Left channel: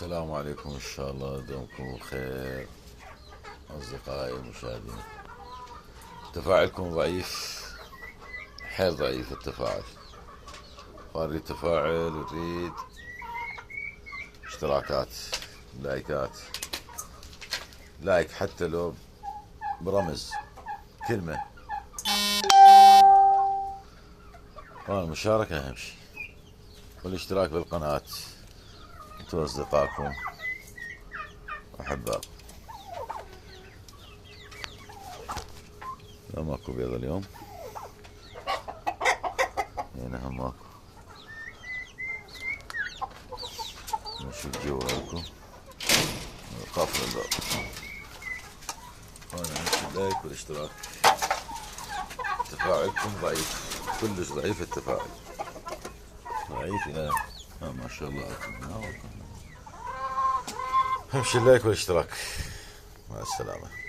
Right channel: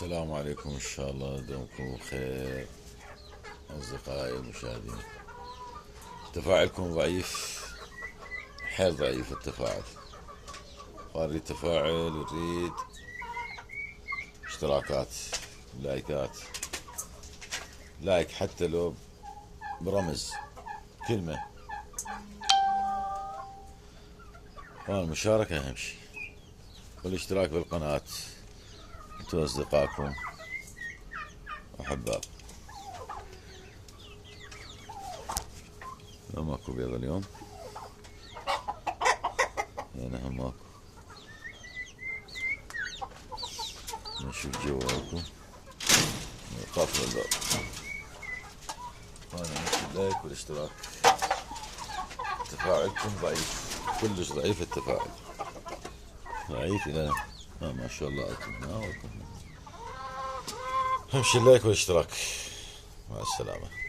السلام عليكم، إن شاء الله دومكم بخير أصدقائي المشاهدين. تفاعلكم ضعيف، حيل ضعيف التفاعل. نريد تفاعل، نريد اشتراكات، لايكات، لايك حتى لو برمز كلمة، والمشاركة أهم شي، والاشتراك بالقناة. انتوا أصدقائكم وأحبائكم. لا ماكو بيض اليوم، هنا هم ماكو. نشوف جوالكم قافل الباب. وانا نفس اللايك والاشتراك. تفاعلكم ضعيف، كلش ضعيف التفاعل، ضعيف الى ما شاء الله. امشي اللايك والاشتراك. مع السلامة.